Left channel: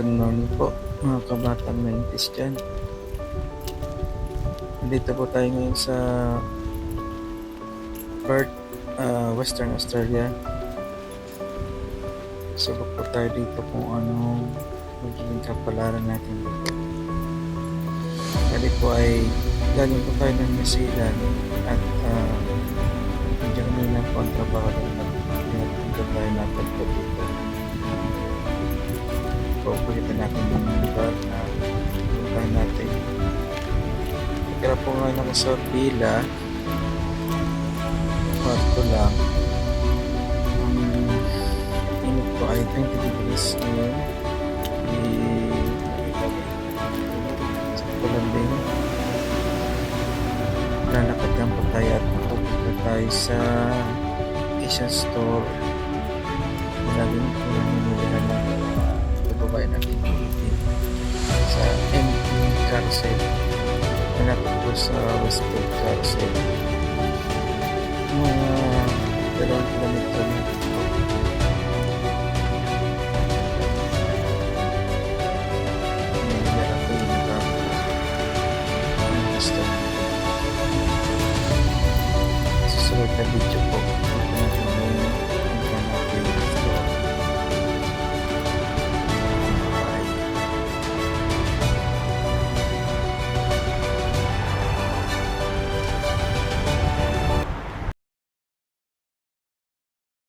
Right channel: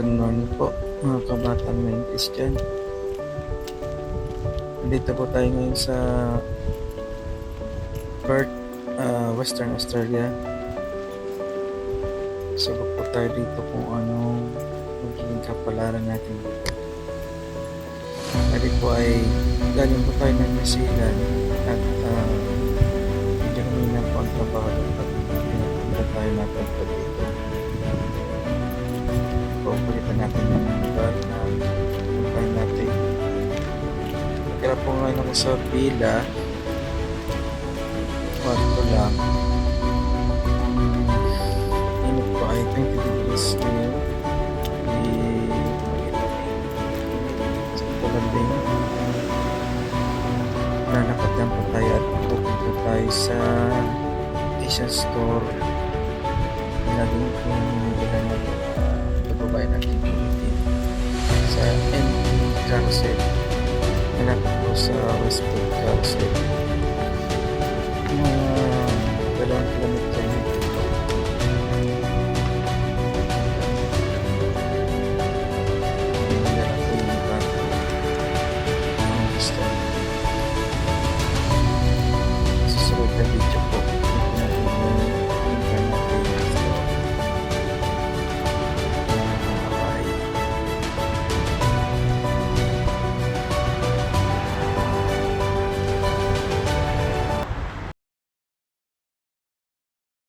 Good morning po mga kabatang Mentis dyan. Nandito po tayo ngayon sa Perth, Western Australia. Subok po tayo dito kung anong magiging kapalaran natin dito. Bali po ay galing po tayo ng New Zealand at medyo humina po ang trabaho at pinapunta tayo napunta dito. Pagpalitan natin yung lugar na puntahan natin. Kaya po ngayon ako sa villa, kwarto lang. Ang init po ay 20 degrees ngayon. Sa Kulambing. Lalakad lang po tayo at pupunta tayo sa Asian store. Laging po namimilihan ng babae natin ulitin sa MP Carousel. Malapit po sa Westwood Carousel. Mga 2 kilometro na po. Ngayon na lang po yung bago ang gusto natin. Susunod na video po.